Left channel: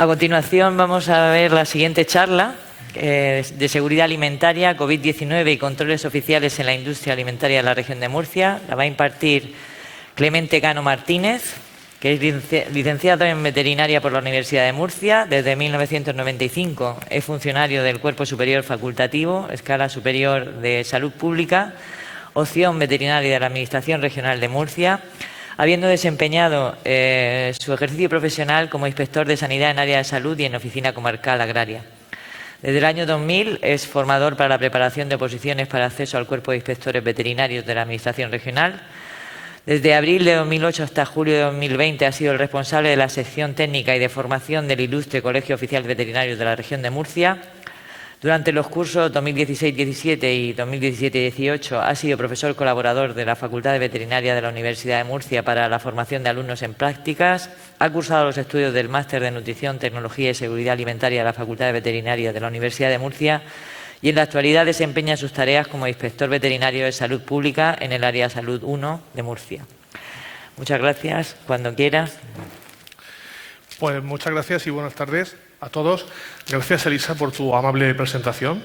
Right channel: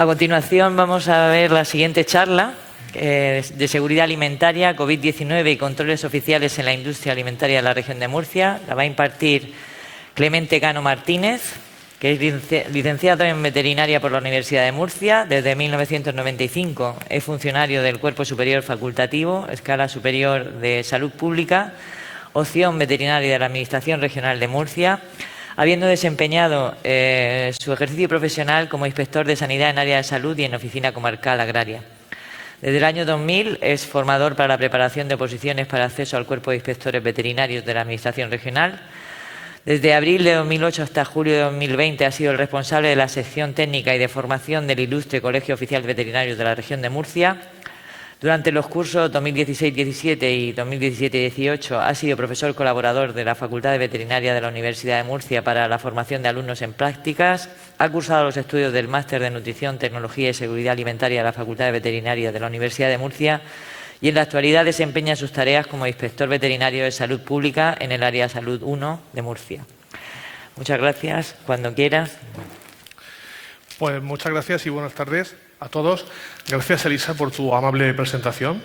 A continuación vamos a ver la siguiente charla de seguridad alimentaria, COVID-19 y controles oficiales en la industria alimentaria de la región de Murcia. La va a impartir Clemente Cano Martínez, que es licenciado en veterinaria por la Universidad de Murcia. Desde 1995 es funcionario del Cuerpo Superior Facultativo, Escala Superior de Salud Pública, opción veterinaria de la Administración Regional de Murcia, habiendo desempeñado su ejercicio profesional como inspector de sanidad en área de salud y en oficina comarcal agraria. Desde el año 2000 es formador para la preparación de oposiciones para acceso al cuerpo de inspectores veterinarios de la Administración Regional. Desde abril de 2008 hasta julio de 2020 ha sido el responsable de la sección técnica y de formación del Ilustre Colegio Oficial Veterinario de la región de Murcia. Durante los cursos 2016-17 y 2017-18 ha sido profesor colaborador de la Facultad de Veterinaria de la Universidad de Murcia para la formación de alumnos en prácticas. Ha cursado los estudios del Máster de Nutrición, Tecnología y Seguridad Alimentaria de la Facultad de Veterinaria de la Universidad de Murcia y en la actualidad desempeña sus tareas como inspector veterinario de salud pública en el área Salud 1 de Murcia. Muchas gracias. Cuando quieras. Pues muchas gracias y buenas tardes a todos. Gracias, Elisa, por tu amable presentación.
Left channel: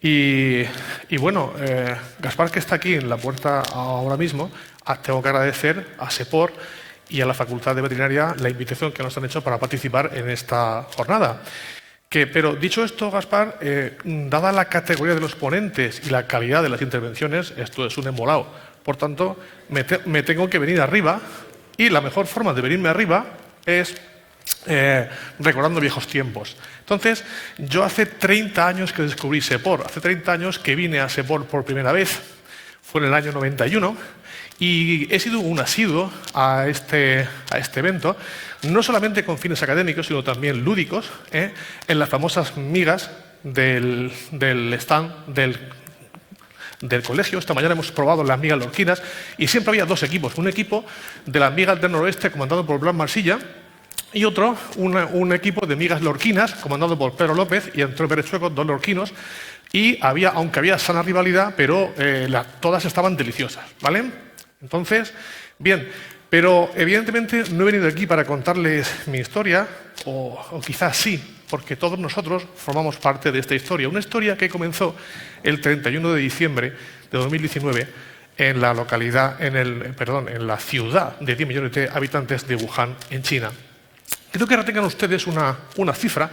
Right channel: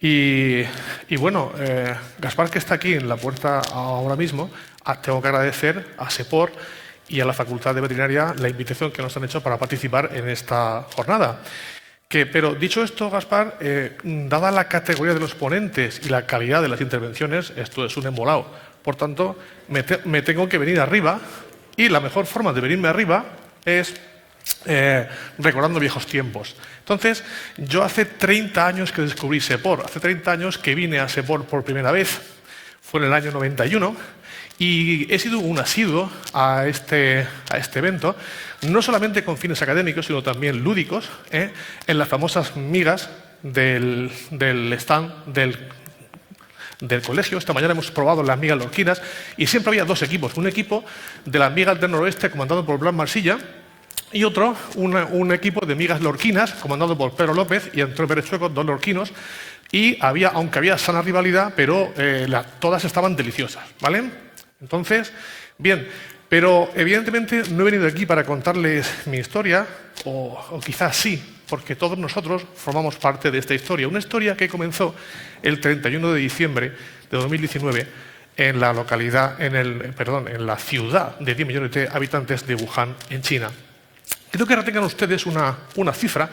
Y bueno, Gaspar, que está aquí en la puerta ahora mismo, tengo que agradecer a SEPOR y a la Facultad de Veterinaria la invitación que nos han hecho para participar en esta jornada. Pero dicho esto, Gaspar, dada la categoría de los ponentes y la calidad de las intervenciones, esto es un embolado. Por tanto, me tengo que venir arriba y la mejor forma de venirme arriba es recordando viejos tiempos. Entonces, yo hace 30 años que descubrí SEPOR, hace 30 años que vine a SEPOR por primera vez, fue en el año 91, y he sido un asiduo a este evento, no solamente con fines académicos, sino también lúdicos, en las famosas migas del stand del colegio. Esta mañana hemos probado las migas lorquinas y siempre había dos equipos. Un equipo de las migas del noroeste comandado por Blas Marsilla y otro, un equipo de migas lorquinas comandado por Pedro López y Antonio Pérez Chueco, dos lorquinos. Y aunque había sana rivalidad, pero todas estaban deliciosas, ¿vale? Entonces, bien, pero evidentemente no he venido aquí para contarles mi historia, o quizás sí, porque todos nosotros formamos parte de esta historia. Una historia que comenzó el 31 de diciembre de 2019 en la localidad, en la ciudad de 10 millones de habitantes de Wuhan, en China. Creo que retengan ustedes una cifra.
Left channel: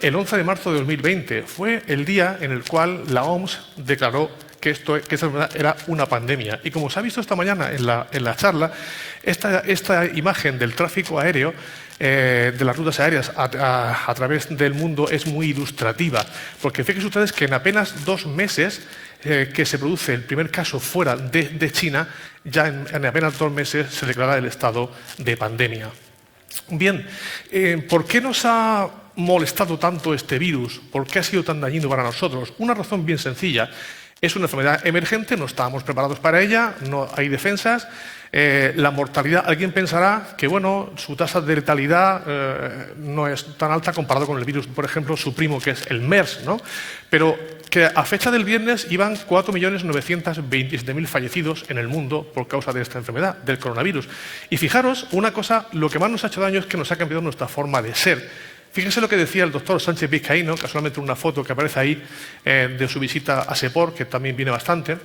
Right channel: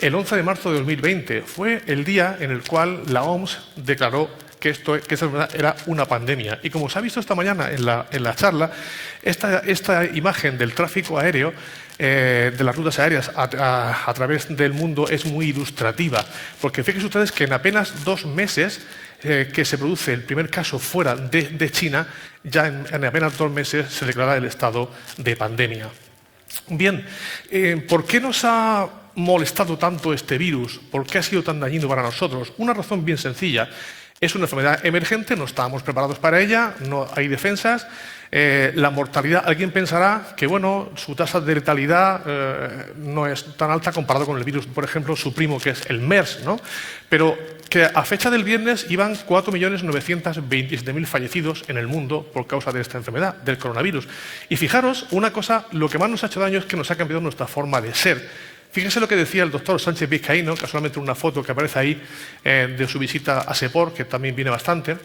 El 11 de marzo de 2020 fue el día en el cual la OMS declaró que esa era una pandemia. Y como se ha visto esta mañana en la charla, esta imagen del tráfico aéreo, de las rutas aéreas a través del mundo es muy ilustrativa. Porque fíjense ustedes que en apenas 2 meses que se produce el primer caso fuera de China, ya en apenas 2 meses se declara el estado de pandemia. Bien, ¿por qué nos ha molestado tanto este virus? ¿Por qué ha sido tan dañino para nosotros? Una razón bien sencilla. Es una enfermedad emergente, no estábamos preparados para ella, no hay defensas. La mortalidad, alguien pensará que bueno, su tasa de letalidad no es tan alta comparado con el virus, por ejemplo, su primo, que es el MERS, ¿no? Pero que a fecha del viernes iban 4.927.000 fallecidos en el mundo por causa de esta enfermedad, del coronavirus. Y fijaros, una cosa, lo que más nos ha hecho daño es que nos ha cambiado nuestra forma de ser. Fíjense lo que decía el doctor Sánchez Vizcaíno, casualmente una foto que aparece ahí de su visita a SEPOR, que también viene bastante.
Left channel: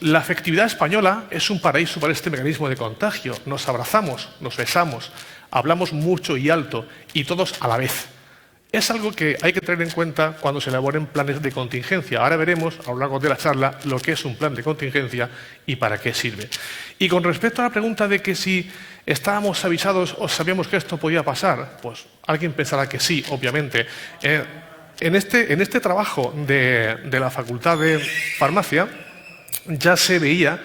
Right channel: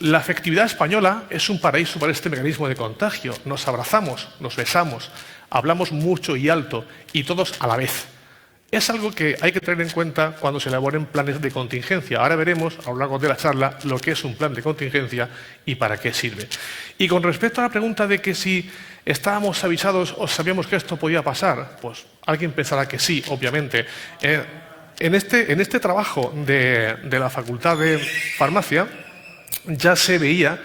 La afectividad española es un paraíso para este mecanismo de contagio. Nos abrazamos, nos besamos, hablamos mucho y alto y todos a la vez. Es algo que hay que tener en cuenta cuando se elaboren planes de contingencia. Ahora veremos a lo largo de la charla lo que es un plan de contingencia y para qué sirve. Y con respecto a la pregunta de que si estábamos avisados o sabíamos que esto podía pasar, pues alguien pensará que sí, obviamente. En este trabajo de la Facultad de Farmacia ya se veía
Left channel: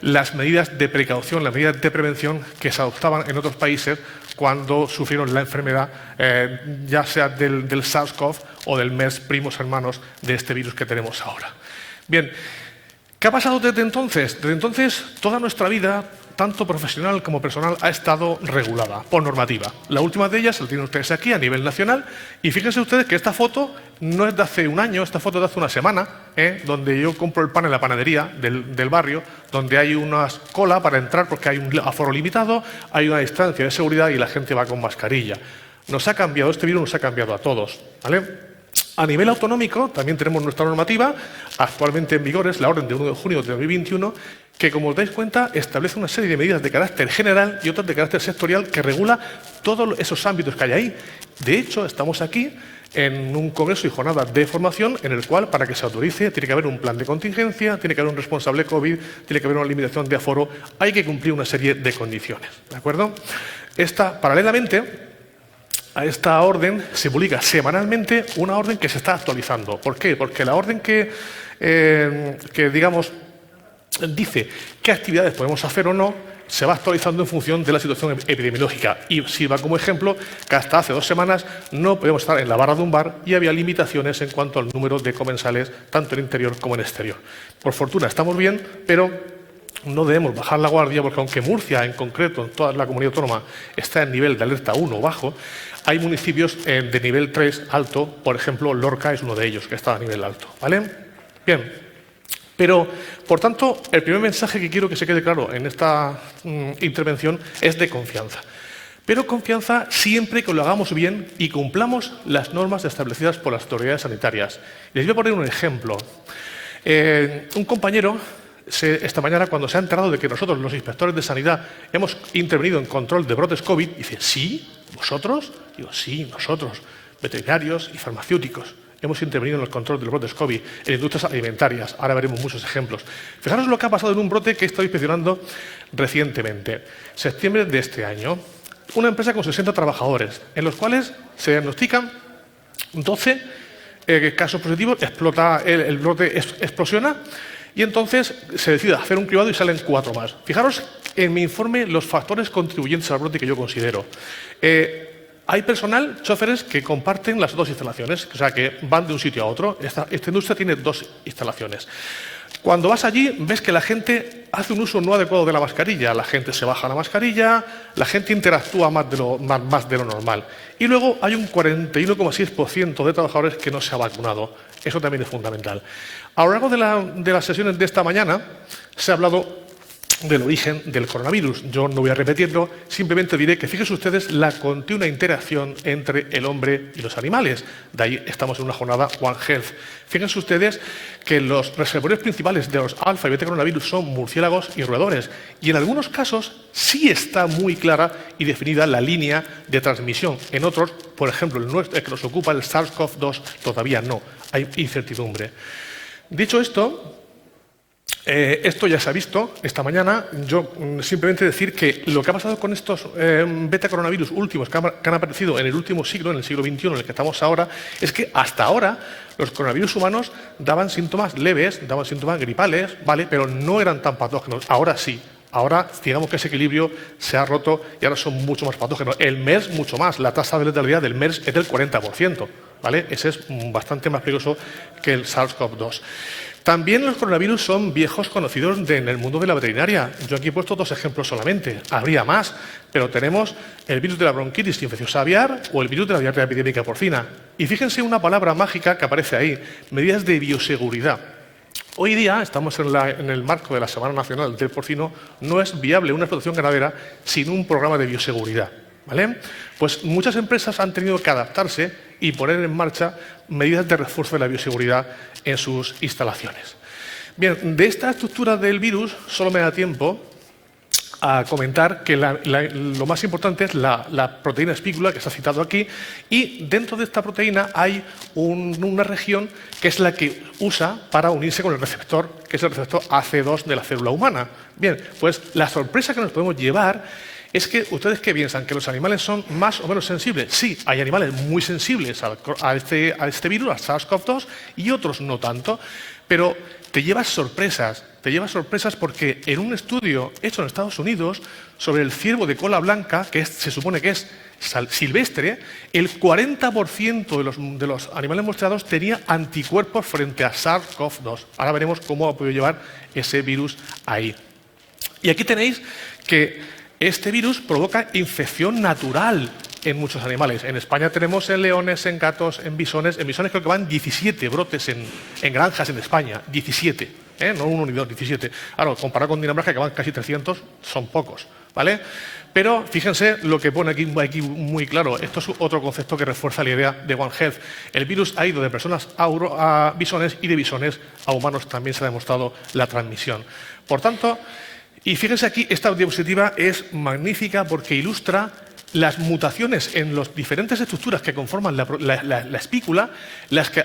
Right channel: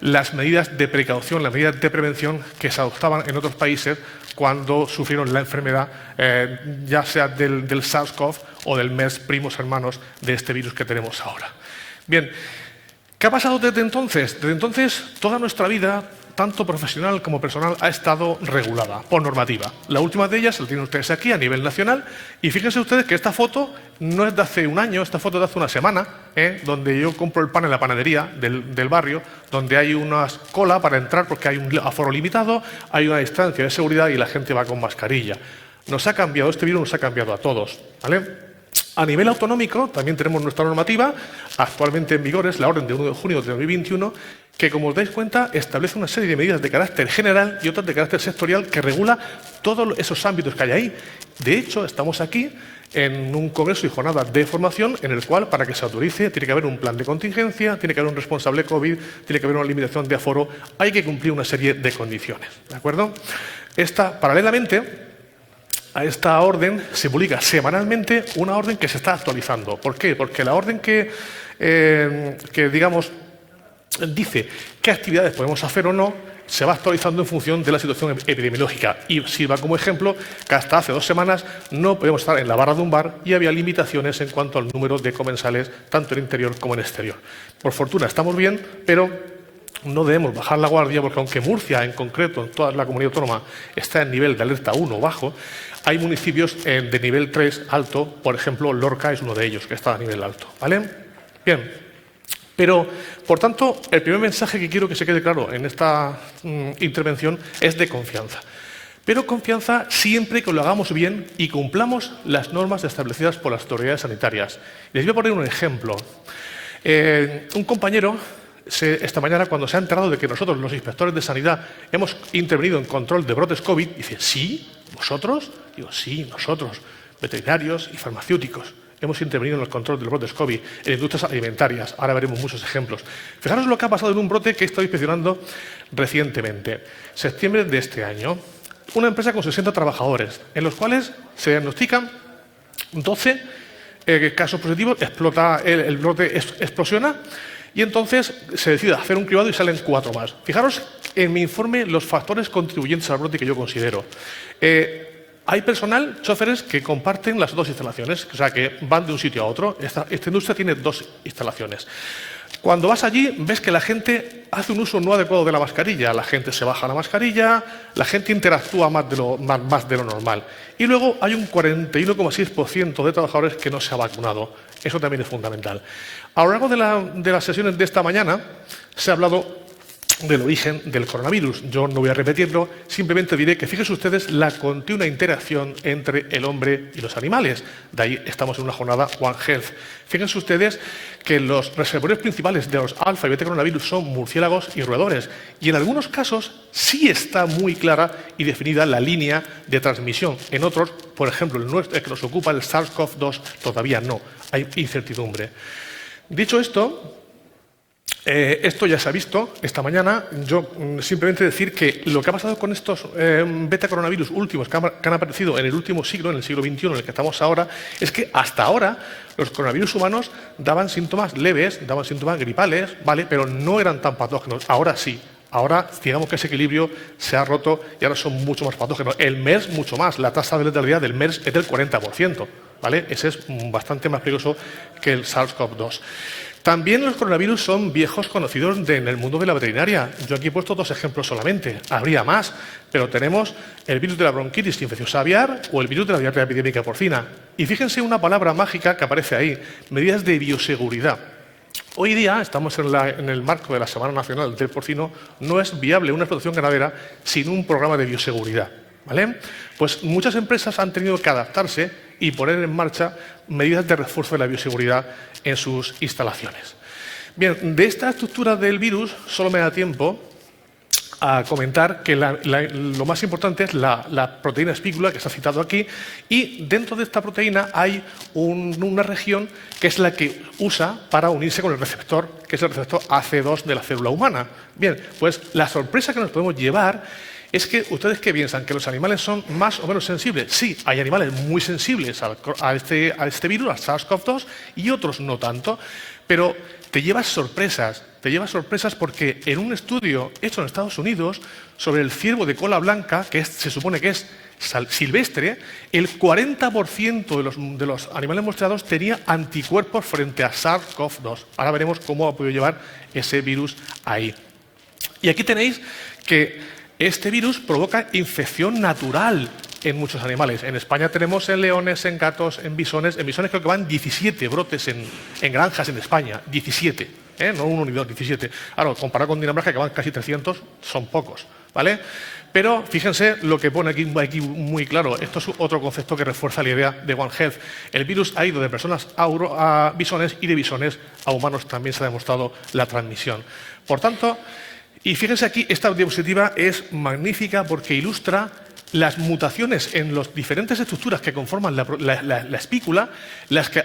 las medidas de precaución, las medidas de prevención que se adoptaban en otros países cuando sufrieron la enfermedad, ya sea del SARS-CoV o del MERS, primos hermanos de este virus que tenemos ahora. Bien, ¿qué ha pasado desde entonces? Desde entonces, toda nuestra vida, tanto profesional como personal, ha estado regulada por normativa. La última de ellas la tienen ustedes aquí a nivel nacional y fíjense ustedes que esta foto no es de hace un año, esta foto es de hace una semana, donde yo compro el pan en la panadería del barrio, donde hay una cola para entrar porque hay un aforo limitado, hay una distancia de seguridad y la gente va con mascarilla. Nos ha cambiado, este virus nos ha cambiado a todos, ¿vale? A nivel autonómico, también tenemos nuestra normativa, actualmente en vigor es la orden de 1 de junio de 2021, que, como os dais cuenta, establece una serie de medidas de carácter general y otras de carácter sectorial que regula todos esos ámbitos que hay ahí. De hecho, estamos aquí en un congreso y jornada de formación en el cual, para que se autorice, tiene que haber un plan de contingencia, tiene que haber un responsable COVID, tiene que haber una limitación de aforo, hay que cumplir una serie de condiciones, ¿de acuerdo? Paralelamente a esta orden se publica semanalmente una orden que se está actualizando. ¿Por qué? Porque la orden que digamos, dice qué actividades podemos hacer o no, se va actualizando en función de la situación epidemiológica. Y sirva como ejemplo que hasta hace 2 semanas no podíamos estar en la barra de un bar y había limitaciones en cuanto al número de comensales, tanto en interior como en exterior. Por fortuna estamos bien, pero no debemos bajar la guardia porque aunque Murcia, en concreto, en toda la comunidad autónoma, está en nivel de alerta 1 o bajo, hay municipios de nivel 3 alto, por ejemplo, Lorca es uno de ellos, que está a nivel alto, ¿vale? Bien, pero, por tanto, el primer mensaje que quiero que se quede claro en esta intervención es de confianza. Pero confianza siempre que lo hagamos bien y cumplamos las normas establecidas por las autoridades sanitarias. Les voy a poner un ejemplo. Un compañero, esta mañana, cuando se ha enterado de que nosotros, los inspectores de sanidad, hemos intervenido en control de brotes COVID, dice, ¿sí? ¿Vosotros? Digo, sí, nosotros, veterinarios y farmacéuticos. Hemos intervenido en los controles de los brotes COVID, en industrias alimentarias. Ahora veremos muchos ejemplos. Fijaros lo que ha pasado en un brote que he estado inspeccionando recientemente. Septiembre de este año. Una empresa con 60 trabajadores, en los cuales se diagnostican 12 casos positivos, el brote explosiona y entonces se decide hacer un cribado y salen 4 más. Fijaros en mi informe los factores contribuyentes al brote que yo considero. Hay personal, choferes, que comparten las 2 instalaciones, o sea, que van de un sitio a otro. Esta industria tiene 2 instalaciones. Cuando vas allí, ves que la gente hace un uso no adecuado de la mascarilla. La gente se baja la mascarilla, la gente interactúa más de lo normal. Y luego hay un 41,6% de trabajadores que no se ha vacunado. Eso también es fundamental. A lo largo de las sesiones de esta mañana se ha hablado del origen del coronavirus. Yo no voy a repetirlo, simplemente diré que fíjense ustedes la continua interacción entre el hombre y los animales. De ahí estamos en una jornada One Health. Fíjense ustedes que los reservorios principales de los alfa y beta coronavirus son murciélagos y roedores. Y en algunos casos sí está muy clara y definida la línea de transmisión. En otros, por ejemplo, el nuestro, que nos ocupa el SARS-CoV-2, todavía no. Hay incertidumbre. Dicho esto, esto ya se ha visto esta mañana. Yo simplemente decir que lo que ha pasado con estos beta coronavirus últimos que han aparecido en el último siglo, en el siglo XXI en el que estamos ahora, es que hasta ahora los coronavirus humanos daban síntomas leves, daban síntomas gripales, ¿vale? Pero no eran tan patógenos. Ahora sí. Ahora, digamos que ese equilibrio se ha roto y ahora son mucho más patógenos. El MERS, mucho más. La tasa de letalidad del MERS es del 40%, ¿vale? Ese es bastante más peligroso que el SARS-CoV-2. También los coronavirus son viejos conocidos en el mundo de la veterinaria. Yo aquí he puesto 2 ejemplos solamente. Habría más, pero tenemos el virus de la bronquitis infecciosa aviar o el virus de la diarrea epidémica porcina. Y fíjense una palabra mágica que aparece ahí, medidas de bioseguridad. Hoy día, estamos en el marco de la Semana Nacional del Porcino, no es viable una explotación ganadera sin un programa de bioseguridad, ¿vale? Pues muchas empresas han tenido que adaptarse y poner en marcha medidas de refuerzo de la bioseguridad en sus instalaciones. Bien, de esta estructura del virus solo me da tiempo a comentar que lo más importante es la proteína espícula que se ha citado aquí, y dentro de esta proteína hay una región que es la que usa para unirse con el receptor, que es el receptor AC2 de la célula humana. Bien, pues la sorpresa que nos podemos llevar es que ustedes ¿qué piensan? ¿Que los animales son más o menos sensibles? Sí, hay animales muy sensibles a este virus, al SARS-CoV-2, y otros no tanto, pero te llevas sorpresas porque en un estudio hecho en Estados Unidos sobre el ciervo de cola blanca, que se supone que es silvestre, el 40% de los animales muestreados tenía anticuerpos frente a SARS-CoV-2. Ahora veremos cómo ha podido llevar ese virus ahí. Y aquí tenéis que este virus provoca infección natural en muchos animales. En España tenemos en leones, en gatos, en bisones. En bisones creo que van 17 brotes en granjas en España. 17, no uno ni dos, 17. Ahora, comparado con Dinamarca, que van casi 300, son pocos, ¿vale? Pero fíjense lo que pone aquí muy claro. Esto es otro concepto que refuerza la idea de One Health. El virus ha ido de personas a bisones y de bisones a humanos también se ha demostrado la transmisión. Por tanto, y fíjense aquí, esta diapositiva es magnífica porque ilustra las mutaciones en las diferentes estructuras que conforman la espícula,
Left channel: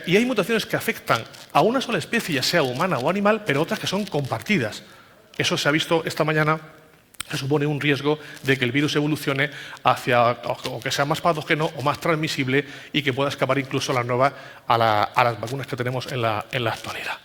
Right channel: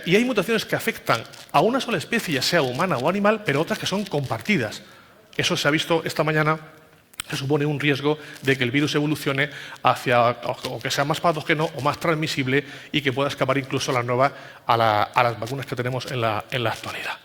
y hay mutaciones que afectan a una sola especie, ya sea humana o animal, pero otras que son compartidas. Eso se ha visto esta mañana. Se supone un riesgo de que el virus evolucione hacia o que sea más patógeno o más transmisible y que pueda escapar incluso a las vacunas que tenemos en la actualidad.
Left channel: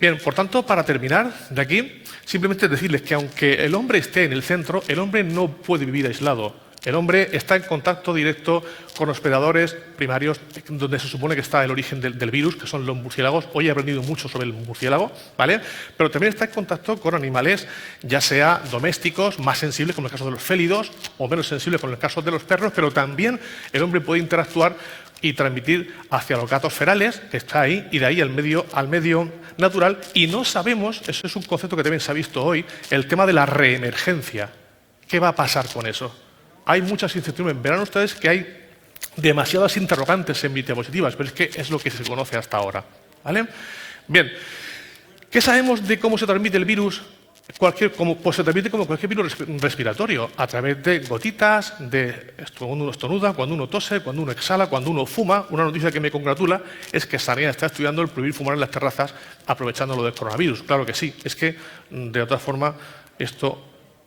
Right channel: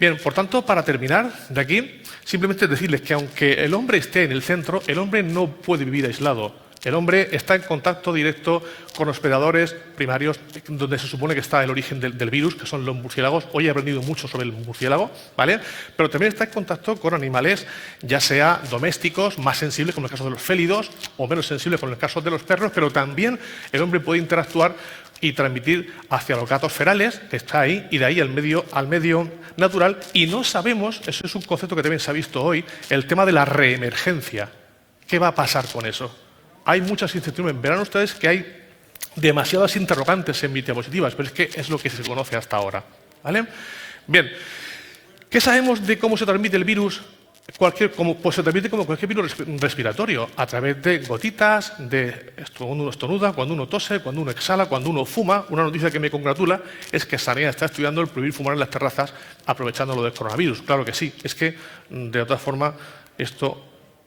Bien, por tanto, para terminar de aquí, simplemente decirles que aunque el hombre esté en el centro, el hombre no puede vivir aislado. El hombre está en contacto directo con los predadores primarios, donde se supone que está el origen del virus, que son los murciélagos. Hoy he aprendido mucho sobre el murciélago, ¿vale? Pero también está en contacto con animales, ya sea domésticos, más sensibles, como en el caso de los félidos, o menos sensibles, como en el caso de los perros, pero también el hombre puede interactuar y transmitir hacia los gatos ferales, que está ahí, y de ahí al medio natural. Y no sabemos, eso es un concepto que también se ha visto hoy, el tema de la reemergencia. ¿Qué va a pasar con eso? Hay muchas incertidumbres. Verán ustedes que hay demasiadas interrogantes en mis diapositivas, pero es que es lo que se conoce hasta ahora, ¿vale? Bien, ¿qué sabemos de cómo se transmite el virus? Pues se transmite como cualquier virus respiratorio, a través de gotitas, cuando uno estornuda, cuando uno tose, cuando uno exhala, cuando uno fuma. Una noticia que me congratula es que Sanidad está estudiando el prohibir fumar en las terrazas aprovechando lo del coronavirus. Claro que sí, es que de otra forma esto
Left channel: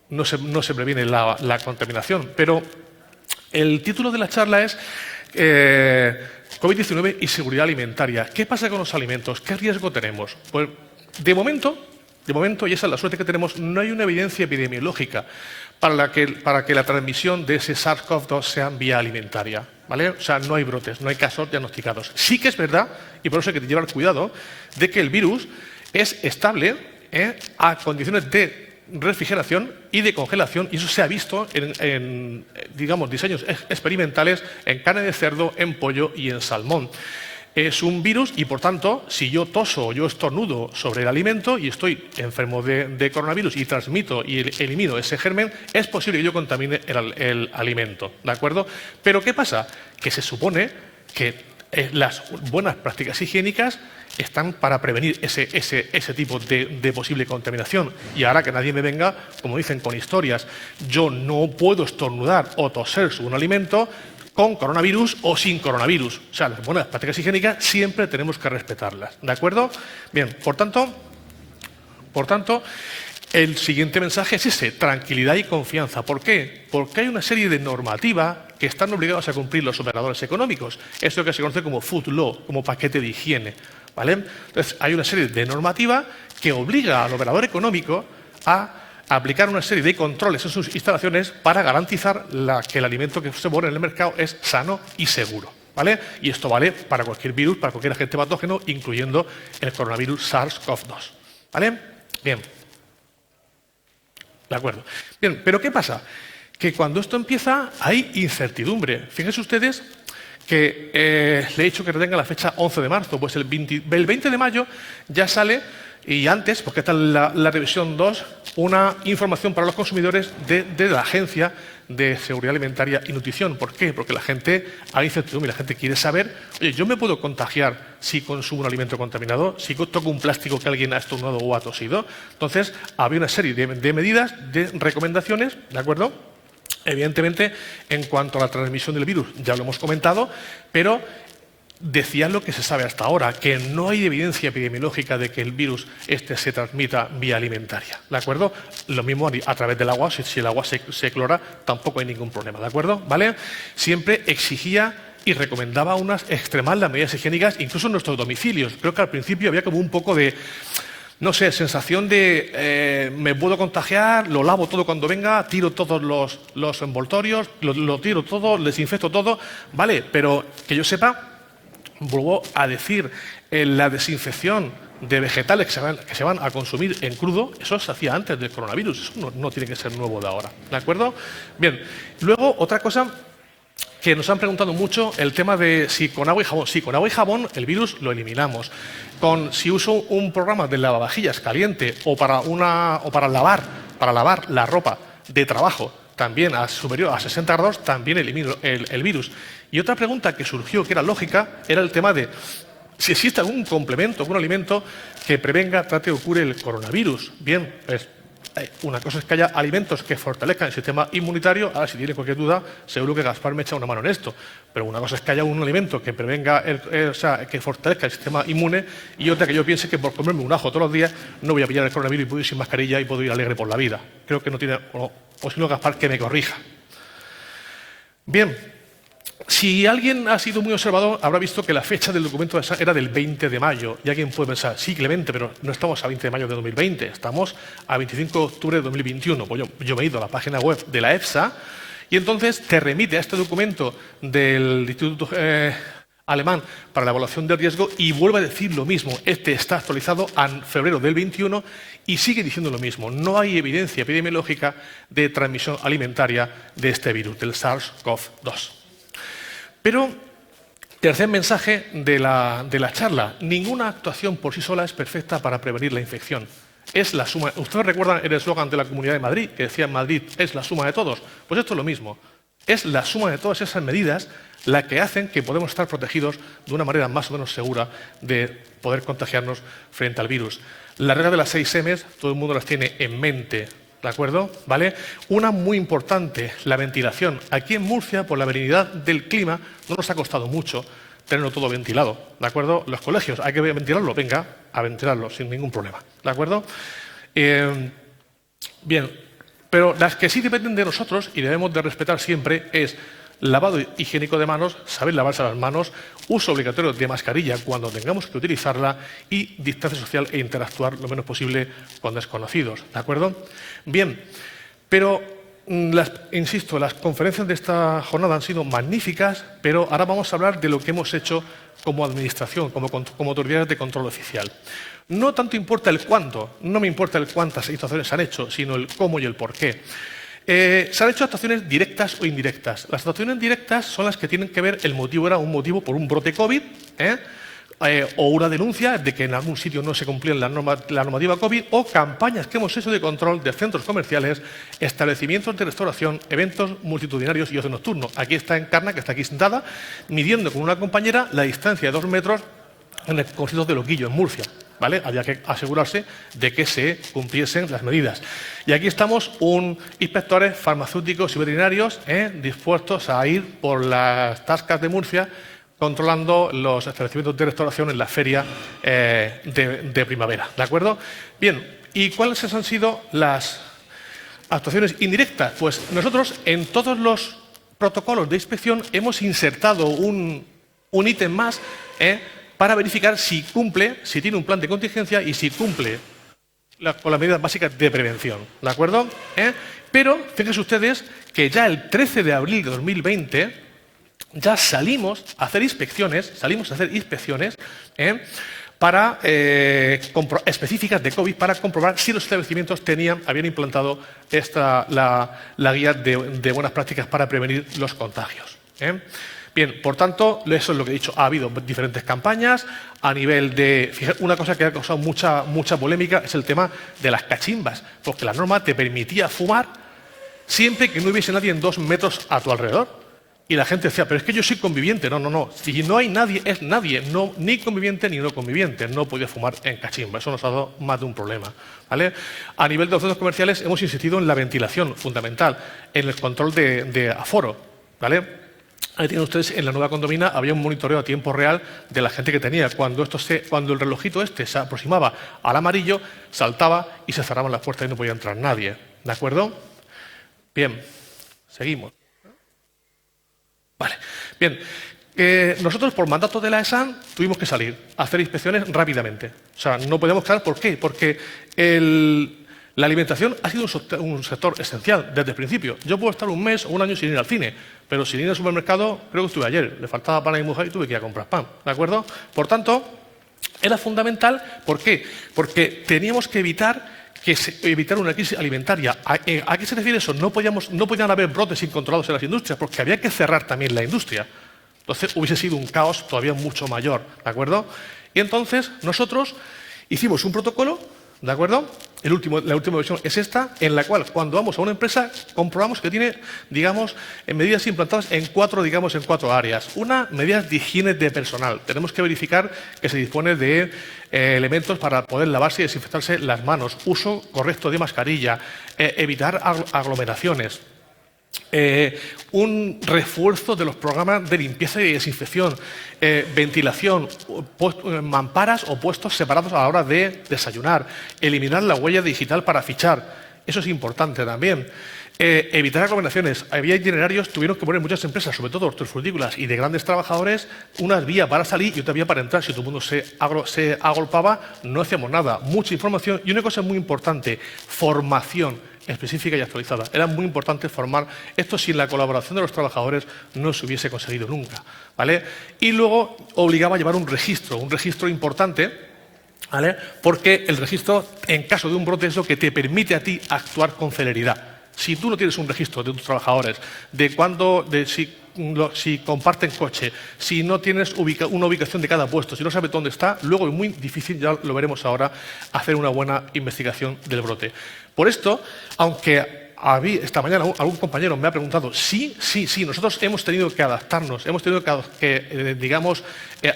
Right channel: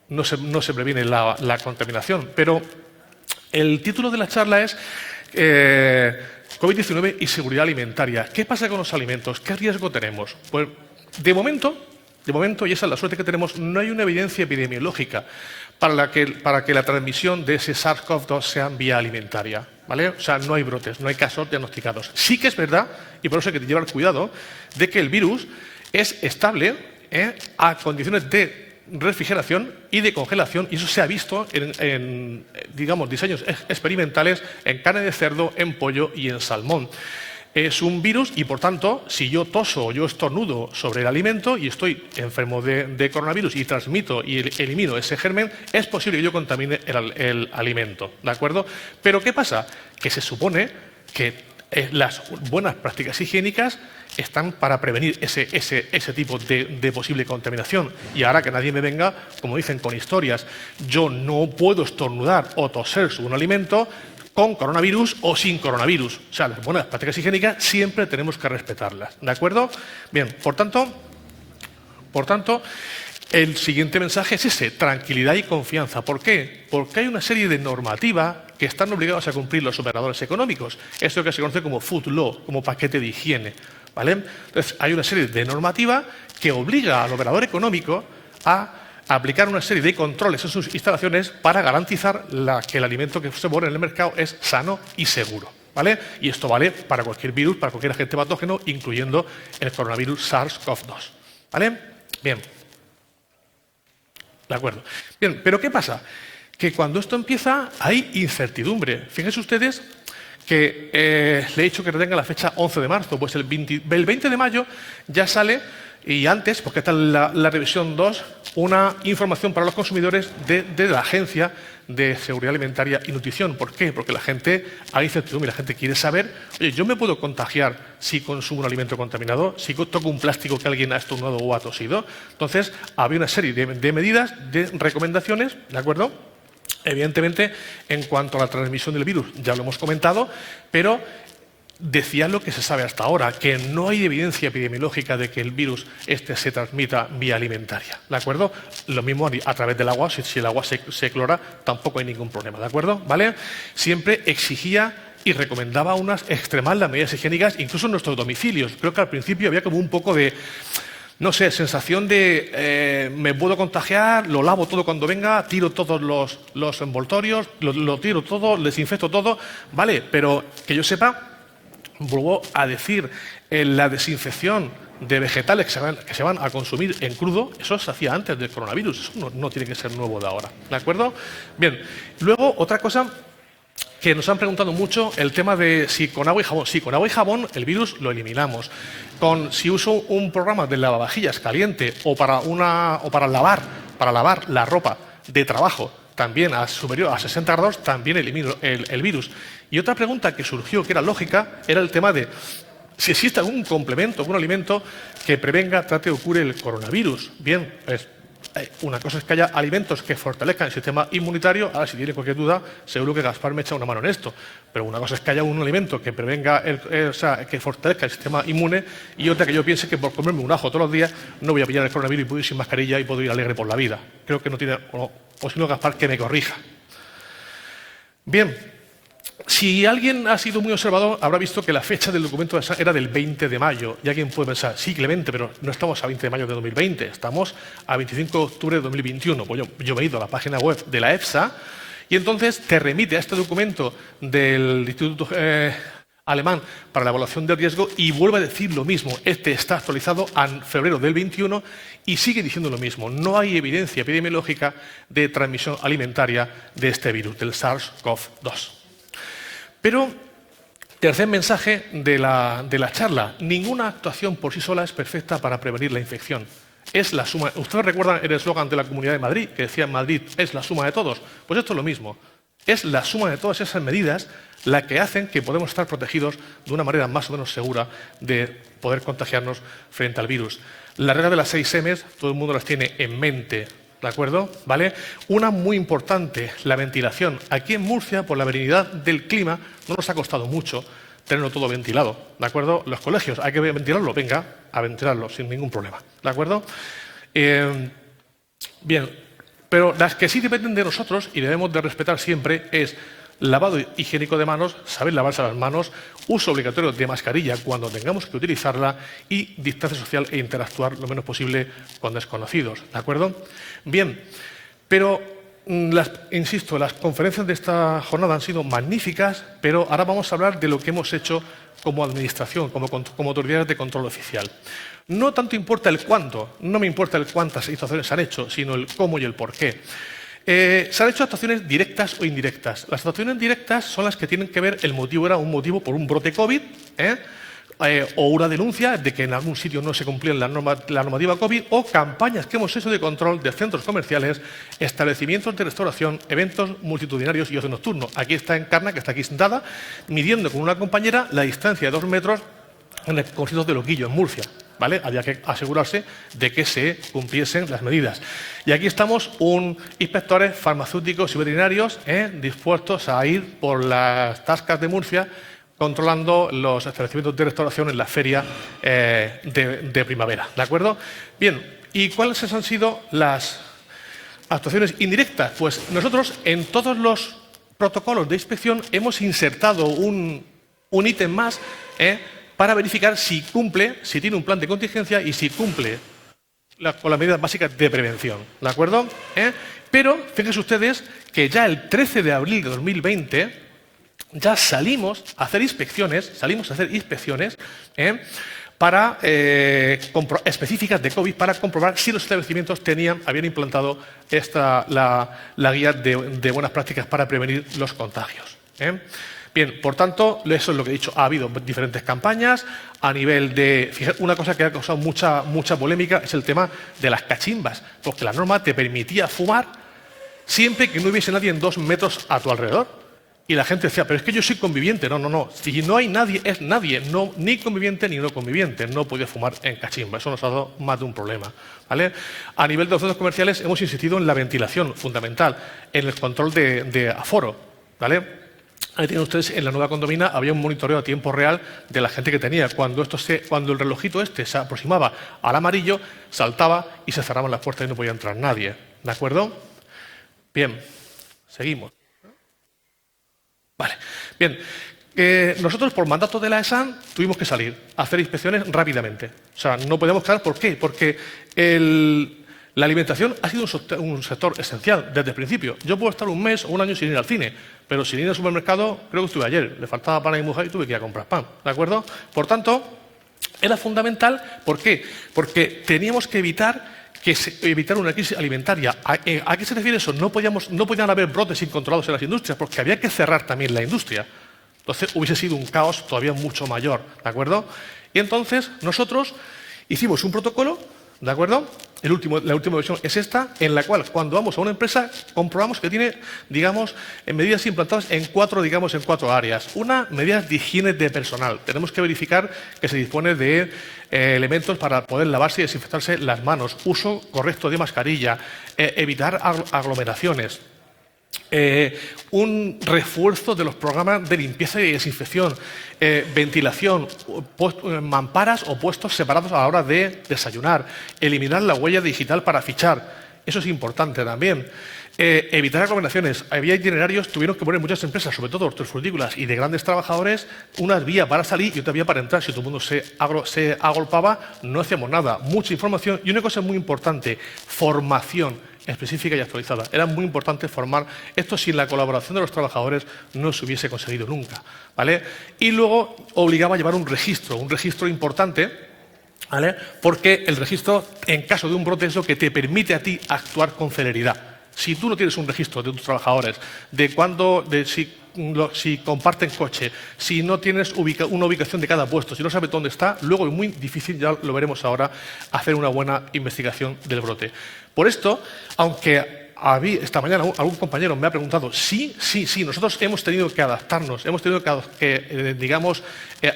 no se previene la contaminación. Pero el título de la charla es COVID-19 y seguridad alimentaria. ¿Qué pasa con los alimentos? ¿Qué riesgo tenemos? Pues de momento, y esa es la suerte que tenemos, no hay una evidencia epidemiológica para que la transmisión de ese SARS-CoV-2 sea vía alimentaria, ¿vale? O sea, no hay brotes, no hay casos diagnosticados. Sí que es verdad, y por eso hay que llevar cuidado, de que el virus es estable a condiciones de refrigeración y de congelación, y eso se ha visto en digamos, diseños experimentales en carne de cerdo, en pollo y en salmón. Es un virus y, por tanto, si yo toso o yo estornudo sobre el alimento y estoy enfermo de coronavirus y transmito y elimino ese germen, es posible que yo contamine el alimento, ¿de acuerdo? Pero ¿qué pasa? Que se supone que las buenas prácticas higiénicas están para prevenir ese tipo de posible contaminación. Y ahora que nadie me venga, como dicen, con historias, yo no puedo estornudar o toser sobre un alimento con coronavirus o sin coronavirus. O sea, las buenas prácticas higiénicas siempre tenemos que respetarlas, ¿de acuerdo? Bien, por tanto, el siguiente mensaje es ese: tranquilidad y confianza. ¿Por qué? Porque hay una serie de normativas que están obligados a cumplir los operadores económicos. Esto que se conoce como food law, como paquete de higiene, ¿vale? Entonces, hay una serie de normativas que obliga al operador económico a aplicar una serie de controles en sus instalaciones para garantizar que el alimento que se pone en el mercado es sano y seguro, ¿vale? Y esto vale para cualquier virus, para cualquier agente patógeno, incluyendo el coronavirus SARS-CoV-2, ¿vale? Bien. De acuerdo. Bien, pero ¿qué pasa? Que cuando esto empieza hay incertidumbre. Fíjense ustedes que le he dicho que retenga la fecha 11 de marzo. Pues el 20 de mayo ya sale, y antes, porque está en la revisión 2, una información para los consumidores de la Agencia de Seguridad Alimentaria y Nutrición. ¿Por qué? Porque hay incertidumbre, la gente quiere saber, oye, ¿yo me puedo contagiar si consumo un alimento contaminado? ¿Si toco un plástico que alguien ha estornudado o ha tosido? Entonces, había una serie de medidas, de recomendaciones, ¿de acuerdo? Evidentemente, en cuanto a la transmisión del virus, ya lo hemos comentado, pero decía lo que se sabe hasta ahora, que no hay evidencia epidemiológica de que el virus se transmita vía alimentaria, ¿de acuerdo? Lo mismo a través del agua, si el agua se clora, tampoco hay ningún problema, ¿de acuerdo? ¿Vale? Siempre exigía y recomendaba extremar las medidas higiénicas, incluso en nuestros domicilios. Creo que al principio había como un poco de, no sé, sensación de me puedo contagiar, lo lavo todo cuando venga, tiro todos los envoltorios, lo tiro todo, desinfecto todo, ¿vale? Pero que yo sepa, vuelvo a decir, la desinfección de vegetales que se van a consumir en crudo, eso se hacía antes del coronavirus, eso no tiene que ser nuevo de ahora, ¿de acuerdo? Bien, luego otra cosa que nos han preguntado mucho, el tema de si con agua y jabón. Sí, con agua y jabón el virus lo eliminamos. Si uso un programa de lavavajillas caliente o para lavar la ropa de trabajo, también superior a 60 grados, también elimino el virus. Y otra pregunta que surgió, que era lógica, era el tema de si existe algún complemento, algún alimento que prevenga, trate o cure el coronavirus. Bien, pues una cosa es que haya alimentos que fortalezcan el sistema inmunitario. Ahora, si tiene cualquier duda, seguro que Gaspar me echa una mano en esto. Pero una cosa es que haya un alimento que prevenga, que fortalezca el sistema inmune, y otra que yo piense que por comerme un ajo todos los días no voy a pillar el coronavirus y puedo ir sin mascarilla y puedo ir alegre por la vida. Creo que no tiene, o si no, Gaspar, que me corrija. Bien. Si alguien ha sido muy observador, habrá visto que la fecha del documento de ESA era del 20 de mayo. Y alguien puede pensar, sí, Clemente, pero no estamos a 20 de mayo de 2020, estamos a 25 de octubre de 2021. Pues yo me he ido a la página web de la EFSA y entonces te remite a este documento del Instituto Alemán para la Evaluación del Riesgo y vuelve a decir lo mismo. Este está actualizado en febrero del 21 y sigue diciendo lo mismo. No hay evidencia epidemiológica de transmisión alimentaria de este virus, del SARS-CoV-2. Pero, tercer mensaje de la charla, ninguna actuación por sí sola es perfecta para prevenir la infección. Es la suma. ¿Ustedes recuerdan el eslogan de la Comunidad de Madrid, que decía Madrid es la suma de todos? Pues esto es lo mismo. Es la suma de todas esas medidas la que hacen que podamos estar protegidos de una manera más o menos segura de poder contagiarnos frente al virus. La regla de las 6 M's, todo el mundo las tiene en mente. ¿De acuerdo? ¿Vale? Una muy importante, la ventilación. Aquí en Murcia, por la variedad del clima, no nos ha costado mucho tenerlo todo ventilado. ¿De acuerdo? Los colegios, hay que ventilarlo, venga, a ventilarlo sin ningún problema. ¿De acuerdo? Bien, pero las que sí dependen de nosotros y debemos de respetar siempre es lavado higiénico de manos, saber lavarse las manos, uso obligatorio de mascarilla cuando tengamos que utilizarla y distancia social e interactuar lo menos posible con desconocidos. ¿De acuerdo? Bien, pero insisto, las conferencias de esta jornada han sido magníficas, pero ahora vamos a hablar de lo que hemos hecho como administración, como autoridades de control oficial. No tanto importa el cuánto, no me importa el cuántas actuaciones se han hecho, sino el cómo y el por qué. Se han hecho actuaciones directas o indirectas. Las actuaciones directas son las que tienen que ver, el motivo era un motivo por un brote COVID, o una denuncia de que en algún sitio no se cumplía la normativa COVID, o campañas que hemos hecho de control de centros comerciales, establecimientos de restauración, eventos multitudinarios y ocio nocturno. Aquí está Encarna, que está aquí sentada, midiendo con una compañera la distancia de 2 metros en el concierto de Loquillo, en Murcia. ¿Vale? Había que asegurarse de que se cumpliesen las medidas. Y aquí estamos, inspectores farmacéuticos y veterinarios dispuestos a ir por las tascas de Murcia controlando los establecimientos de restauración en la feria de primavera. ¿De acuerdo? Bien, ¿y cuáles han sido las actuaciones indirectas? Pues nosotros en todos los protocolos de inspección hemos insertado un ítem más para verificar si cumple, si tiene un plan de contingencia y si cumple con las medidas básicas de prevención. ¿De acuerdo? Pero fíjense ustedes que ya el 13 de abril de 2020 ya salimos a hacer inspecciones, específicas de COVID para comprobar si los establecimientos habían implantado la guía de buenas prácticas para prevenir los contagios. Bien, por tanto, eso es lo que he dicho. Ha habido diferentes campañas a nivel de... Fíjate, una cosa que ha causado mucha polémica es el tema de las cachimbas, porque la norma te permitía fumar siempre que no hubiese nadie en 2 metros a tu alrededor. Y la gente decía, pero es que yo soy conviviente. No. Si no hay nadie, es nadie. No, ni conviviente ni no conviviente. No puede fumar en cachimba. Eso nos ha dado más de un problema. ¿Vale? A nivel de los centros comerciales hemos insistido en la ventilación, fundamental, en el control de aforo. ¿Vale? Ahí tienen ustedes, en la nueva condomina había un monitoreo a tiempo real de la gente que tenía. Cuando el relojito se aproximaba al amarillo, saltaba y se cerraban las puertas y no podía entrar nadie. ¿De acuerdo? Bien, seguimos. Vale, bien. Nosotros, por mandato de la ESAN, tuvimos que salir a hacer inspecciones rápidamente. O sea, no podíamos quedar. ¿Por qué? Porque la alimentación ha sido un sector esencial desde el principio. Yo puedo estar un mes o un año sin ir al cine, pero sin ir al supermercado, creo que estuve ayer. Le faltaba pan a mi mujer y tuve que ir a comprar pan. ¿De acuerdo? Por tanto, Era fundamental, ¿por qué? Porque teníamos que evitar una crisis alimentaria. ¿A qué se refiere eso? No podían haber brotes incontrolados en las industrias, porque había que cerrar también la industria. Entonces hubiese sido un caos todavía mucho mayor, ¿de acuerdo? Y entonces nosotros hicimos un protocolo, ¿de acuerdo? La última versión es esta, en la cual cuando vamos a una empresa comprobamos que tiene, digamos, medidas implantadas en cuatro áreas. Una, medidas de higiene de personal. Tenemos que verificar que se dispone de elementos para poder lavarse y desinfectarse las manos, uso correcto de mascarilla, evitar aglomeraciones. Un refuerzo de los programas de limpieza y desinfección, ventilación, mamparas o puestos separados a la hora de desayunar, eliminar la huella digital para fichar, eso es importante también. Evitar aglomeraciones. Había itinerarios, tuvieron que poner muchas empresas, sobre todo hortofrutícolas y de grandes trabajadores, una vía para salir y otra vía para entrar. Si todo el mundo se agolpaba, no hacíamos nada. Mucha información y una cosa muy importante, formación específica y actualizada. Era muy importante formar. Esto sin la colaboración de los trabajadores no se hubiese conseguido nunca, ¿vale? Y luego obligaba a llevar un registro importante, ¿vale? Porque el registro, en caso de un brote, es lo que te permite a ti actuar con celeridad. Si tú no tienes un registro de tus trabajadores, si comparten coche, si no tienes una ubicación de cada puesto, si no sabes dónde está, luego es muy difícil, ya lo veremos ahora, hacer una buena investigación del brote. Por esto, aunque esta mañana algún compañero me ha preguntado, sí, nosotros hemos tenido que adaptarnos, hemos tenido que digamos,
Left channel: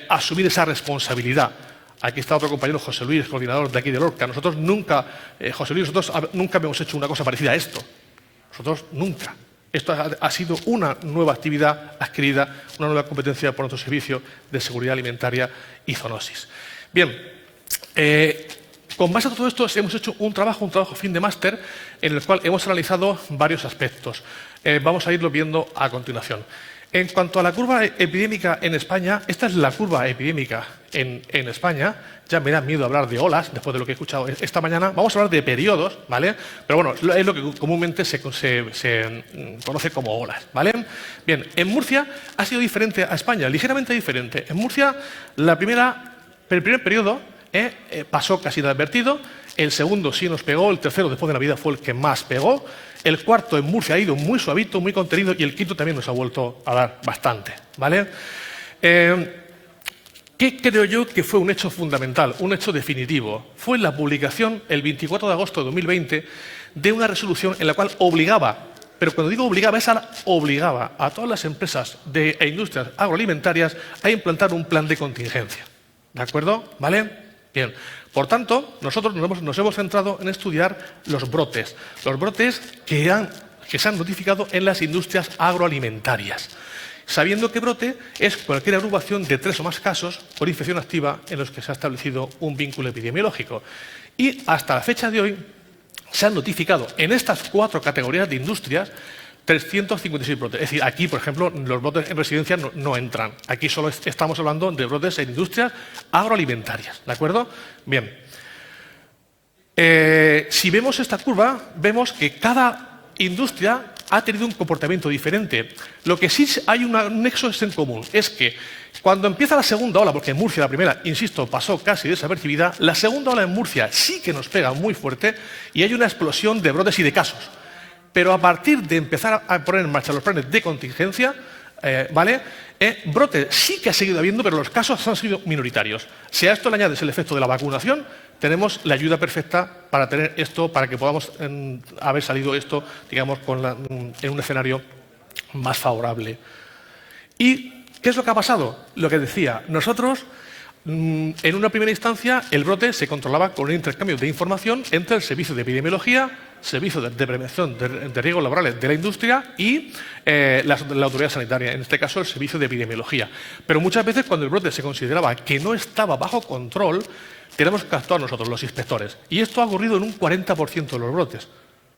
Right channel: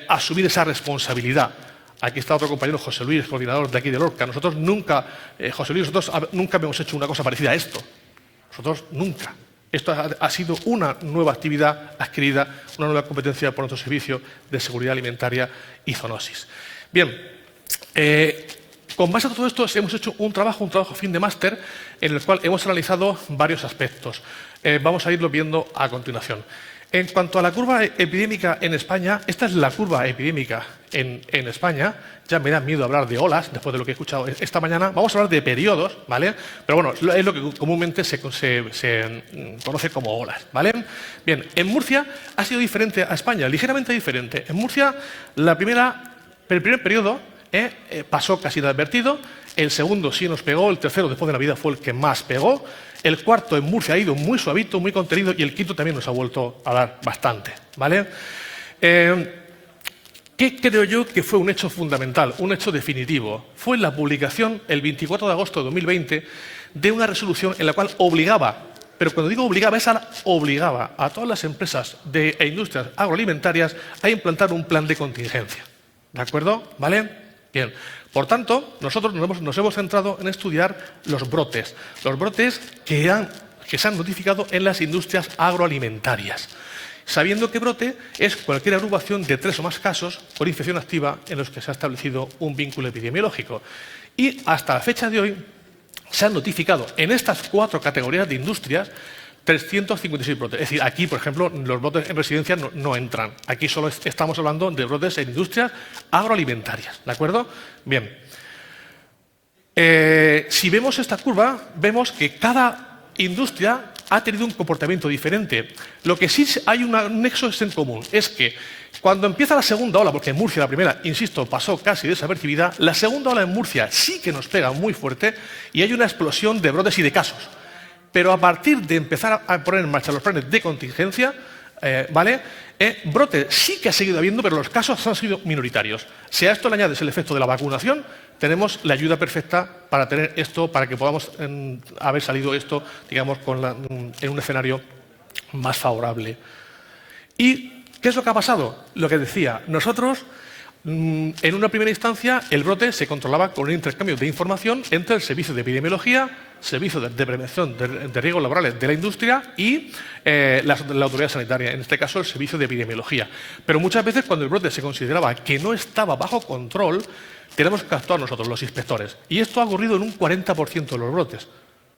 asumir esa responsabilidad. Aquí está otro compañero, José Luis, coordinador de aquí de Lorca. Nosotros nunca habíamos hecho una cosa parecida a esto. Nosotros nunca. Esto ha sido una nueva actividad adquirida, una nueva competencia por nuestro servicio de seguridad alimentaria y zoonosis. Bien, con base a todo esto hemos hecho un trabajo fin de máster en el cual hemos analizado varios aspectos. Vamos a irlo viendo a continuación. En cuanto a la curva epidémica en España, esta es la curva epidémica en España. Ya me da miedo hablar de olas, después de lo que he escuchado esta mañana. Vamos a hablar de periodos, ¿vale? Pero bueno, es lo que comúnmente se conoce como olas, ¿vale? Bien, en Murcia ha sido diferente a España, ligeramente diferente. En Murcia, el primer periodo pasó casi inadvertido, el segundo sí nos pegó, el tercero después de Navidad fue el que más pegó. El cuarto en Murcia ha ido muy suavito, muy contenido, y el quinto también nos ha vuelto a dar bastante, ¿vale? ¿Qué creo yo que fue un hecho fundamental, un hecho definitivo? Fue la publicación, el 24 de agosto de 2020, de una resolución en la cual obligaba, pero cuando digo obligaba a todas las empresas e industrias agroalimentarias a implantar un plan de contingencia. ¿De acuerdo? ¿Vale? Bien. Por tanto, nosotros nos hemos centrado en estudiar los brotes que se han notificado en las industrias agroalimentarias, sabiendo que brote es cualquier agrupación de 3 o más casos por infección activa en los que se ha establecido un vínculo epidemiológico. Y hasta la fecha de hoy se han notificado en estas 4 categorías de industrias 356 brotes. Es decir, aquí, por ejemplo, los brotes en residencia no entran. Aquí solo estamos hablando de brotes en industrias agroalimentarias. ¿De acuerdo? Bien. Si vemos esta curva, vemos que cada industria ha tenido un comportamiento diferente. Lo que sí hay un nexo en común es que cuando empieza la segunda ola, porque en Murcia la primera, insisto, pasó casi desapercibida, la segunda ola en Murcia sí que nos pega muy fuerte y hay una explosión de brotes y de casos. Pero a partir de empezar a poner en marcha los planes de contingencia, ¿vale? Brote sí que ha seguido habiendo, pero los casos han sido minoritarios. Si a esto le añades el efecto de la vacunación, tenemos la ayuda perfecta para tener esto, para que podamos haber salido esto, digamos, en un escenario más favorable. ¿Y qué es lo que ha pasado? Lo que decía, nosotros, en una primera instancia, el brote se controlaba con un intercambio de información entre el Servicio de Epidemiología, Servicio de Prevención de Riesgos Laborales de la Industria y la Autoridad Sanitaria, en este caso el Servicio de Epidemiología. Pero muchas veces cuando el brote se consideraba que no estaba bajo control, tenemos que actuar nosotros, los inspectores. Y esto ha ocurrido en un 40% de los brotes,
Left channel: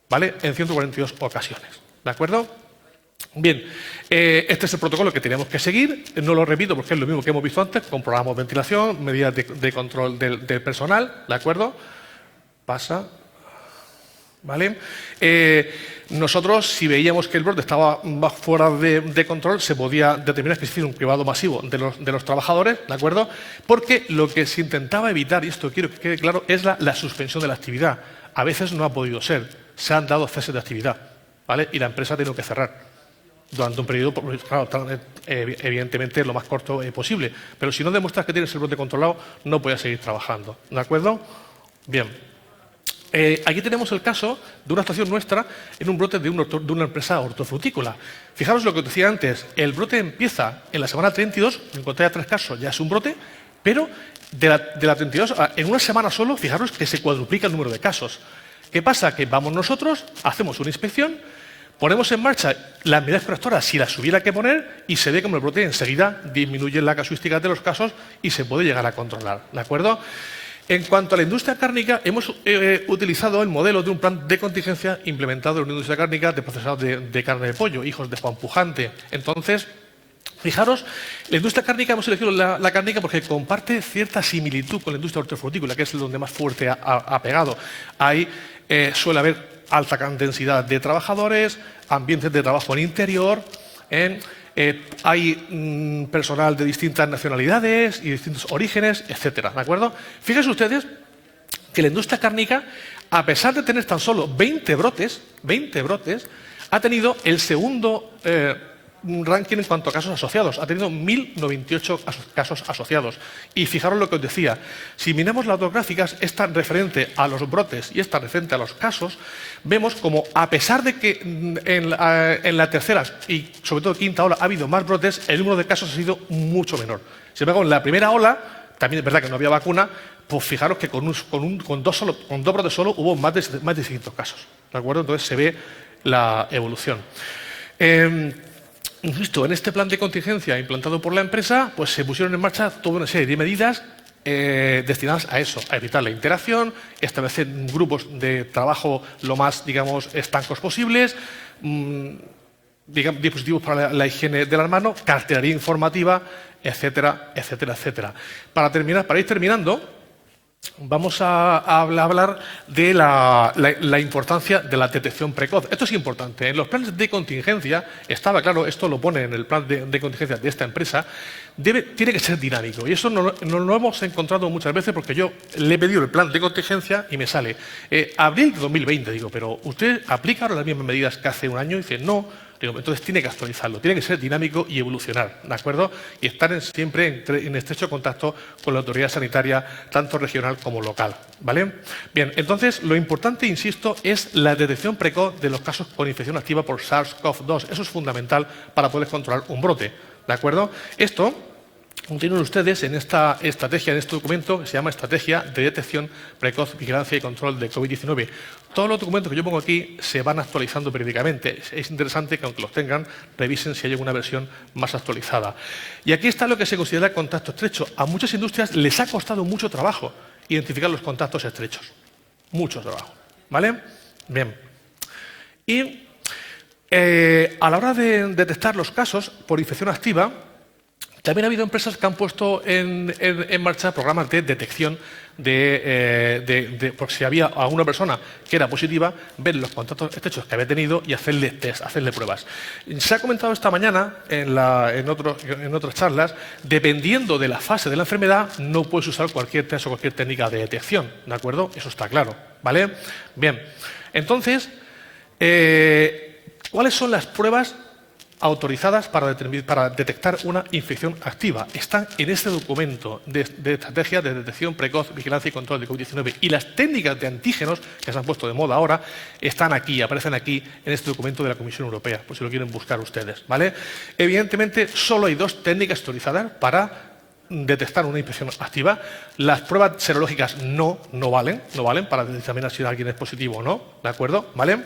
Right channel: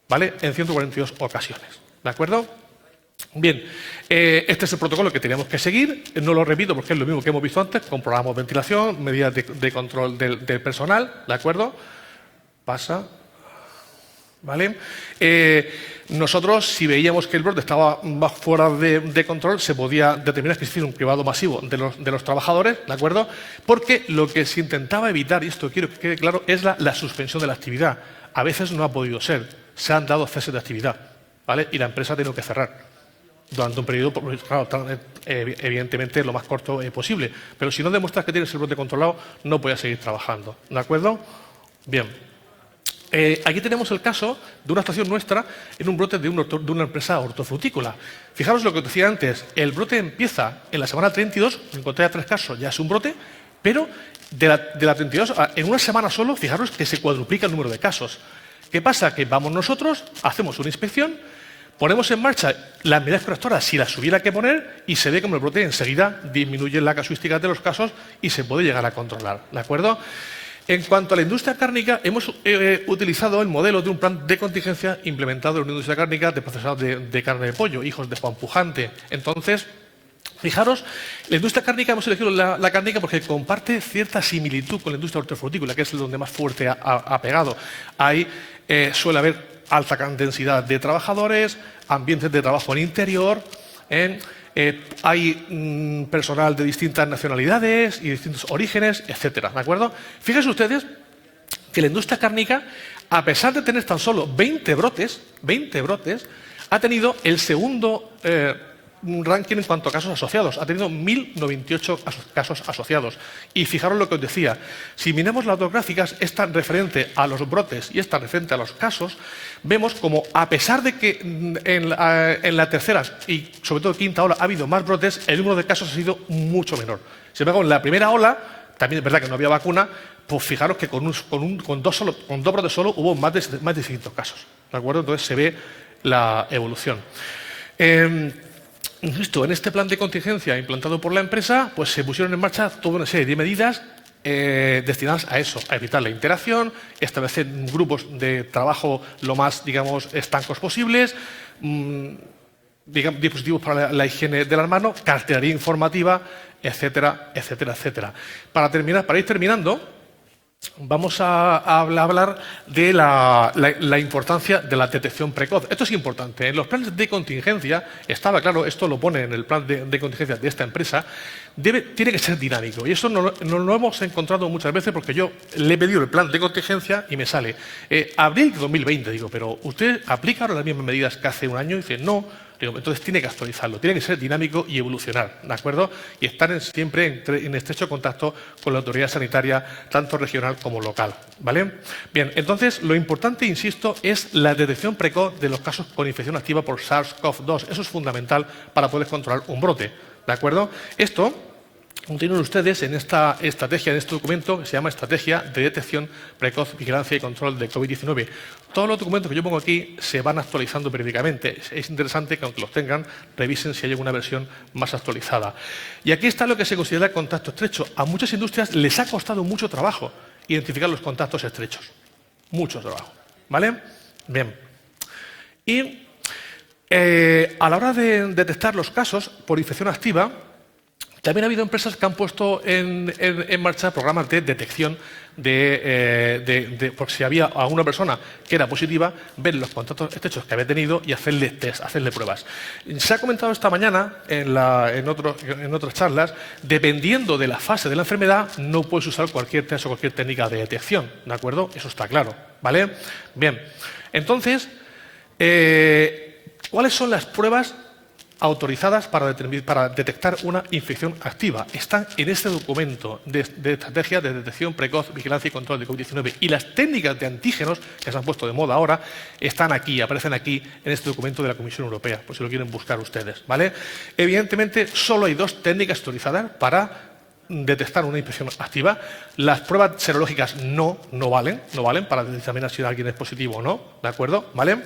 ¿vale? En 142 ocasiones, ¿de acuerdo? Bien, este es el protocolo que tenemos que seguir. No lo repito porque es lo mismo que hemos visto antes. Comprobamos ventilación, medidas de control del personal, ¿de acuerdo? Pasa. ¿vale? Nosotros, si veíamos que el brote estaba fuera de control, se podía determinar que existía un cribado masivo de los trabajadores, ¿de acuerdo? Porque lo que se intentaba evitar, y esto quiero que quede claro, es la suspensión de la actividad. A veces no ha podido ser, se han dado ceses de actividad, ¿vale? Y la empresa ha tenido que cerrar durante un periodo, claro, evidentemente lo más corto posible. Pero si no demuestras que tienes el brote controlado, no puedes seguir trabajando, ¿de acuerdo? Bien. Aquí tenemos el caso de una actuación nuestra en un brote de una empresa hortofrutícola. Fijaros lo que os decía antes, el brote empieza en la semana 32, en cuanto haya 3 casos ya es un brote, pero de la 32, en una semana solo, fijaros que se cuadruplica el número de casos. ¿Qué pasa? Que vamos nosotros, hacemos una inspección, ponemos en marcha las medidas correctoras si las hubiera que poner y se ve como el brote enseguida disminuye la casuística de los casos y se puede llegar a controlar, ¿de acuerdo? En cuanto a la industria cárnica, hemos utilizado el modelo de un plan de contingencia implementado en la industria cárnica de procesados de carne de pollo, hijos de Juan Pujante. Entonces, fijaros, la industria cárnica, hemos elegido la cárnica porque comparte cierta similitud con la industria hortofrutícola, que es donde más fuerte ha pegado. Ahí suele haber alta densidad de trabajadores, ambientes de trabajo en interior, hay personal de distintas nacionalidades y distintos orígenes, etcétera, ¿de acuerdo? Fíjense ustedes que la industria cárnica, a pesar de tener tan solo 20 brotes, ha tenido el segundo ranking en cuanto a casos asociados. Ha tenido 1.098 casos asociados. Y fijaros lo que os decía, si miramos las dos gráficas, esta referente a los brotes y esta referente a los casos, vemos como a pesar de que en la tercera y sobre todo quinta ola ha habido más brotes, el número de casos ha sido mucho menor. Sin embargo, en la primera ola, también es verdad que no había vacuna, pues fijaros que con dos brotes solo hubo más de 600 casos. ¿De acuerdo? Entonces se ve la evolución. Insisto, en este plan de contingencia implantado por la empresa, pues se pusieron en marcha toda una serie de medidas destinadas a eso, a evitar la interacción, establecer grupos de trabajo lo más, digamos, estancos posibles, dispositivos para la higiene de las manos, cartelería informativa, etcétera, etcétera, etcétera. Para ir terminando, vamos a hablar de la importancia de la detección precoz. Esto es importante. En los planes de contingencia, estaba claro, esto lo pone en el plan de contingencia de esta empresa, tiene que ser dinámico. Y eso no lo hemos encontrado muchas veces porque yo le he pedido el plan de contingencia y me sale abril de 2020. Digo, pero ¿usted aplica ahora las mismas medidas que hace un año? Y dice, no. Digo, entonces tiene que actualizarlo, tiene que ser dinámico y evolucionar, ¿de acuerdo? Y estar siempre en estrecho contacto con la autoridad sanitaria, tanto regional como local, ¿vale? Bien, entonces lo importante, insisto, es la detección precoz de los casos con infección activa por SARS-CoV-2. Eso es fundamental para poder controlar un brote, ¿de acuerdo? Esto tienen ustedes en esta estrategia, en este documento, que se llama Estrategia de Detección Precoz, Vigilancia y Control de COVID-19. Todos los documentos que yo pongo aquí se van actualizando periódicamente. Es interesante que, aunque los tengan, revisen si hay alguna versión más actualizada. Y aquí está lo que se considera contacto estrecho. A muchas industrias les ha costado mucho trabajo identificar los contactos estrechos. Mucho trabajo. ¿Vale? Bien. Y a la hora de detectar los casos por infección activa, también ha habido empresas que han puesto en marcha programas de detección por si había a una persona que era positiva, ver los contactos estrechos que había tenido y hacerle test, hacerle pruebas. Se ha comentado esta mañana en otras charlas, dependiendo de la fase de la enfermedad, no puedes usar cualquier test o cualquier técnica de detección, ¿de acuerdo? Eso está claro, ¿vale? Bien, entonces, ¿cuáles son las pruebas autorizadas para detectar una infección activa? Están en este documento de estrategia de detección precoz, vigilancia y control de COVID-19. Y las técnicas de antígenos que se han puesto de moda ahora están aquí, aparecen aquí en este documento de la Comisión Europea, por si lo quieren buscar ustedes, ¿vale? Evidentemente, solo hay 2 técnicas autorizadas para detectar una infección activa. Las pruebas serológicas no valen para determinar si alguien es positivo o no, ¿de acuerdo? ¿Vale?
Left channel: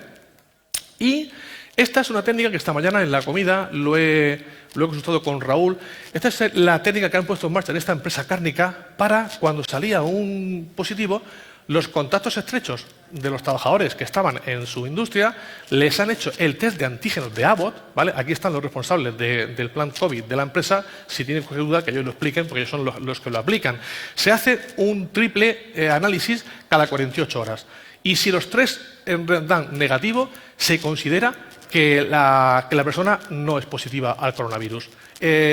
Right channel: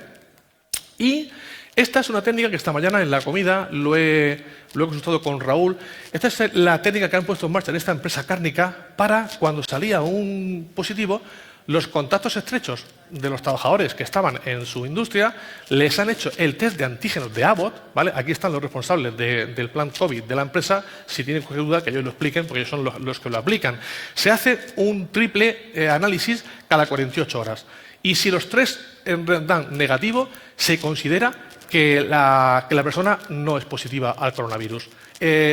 Y esta es una técnica que esta mañana en la comida lo he consultado con Raúl. Esta es la técnica que han puesto en marcha en esta empresa cárnica para, cuando salía un positivo, los contactos estrechos de los trabajadores que estaban en su industria les han hecho el test de antígenos de Abbott, ¿vale? Aquí están los responsables del plan COVID de la empresa. Si tienen cualquier duda, que ellos lo expliquen, porque ellos son los que lo aplican. Se hace un triple análisis cada 48 horas. Y si los tres dan negativo, se considera que la persona no es positiva al coronavirus.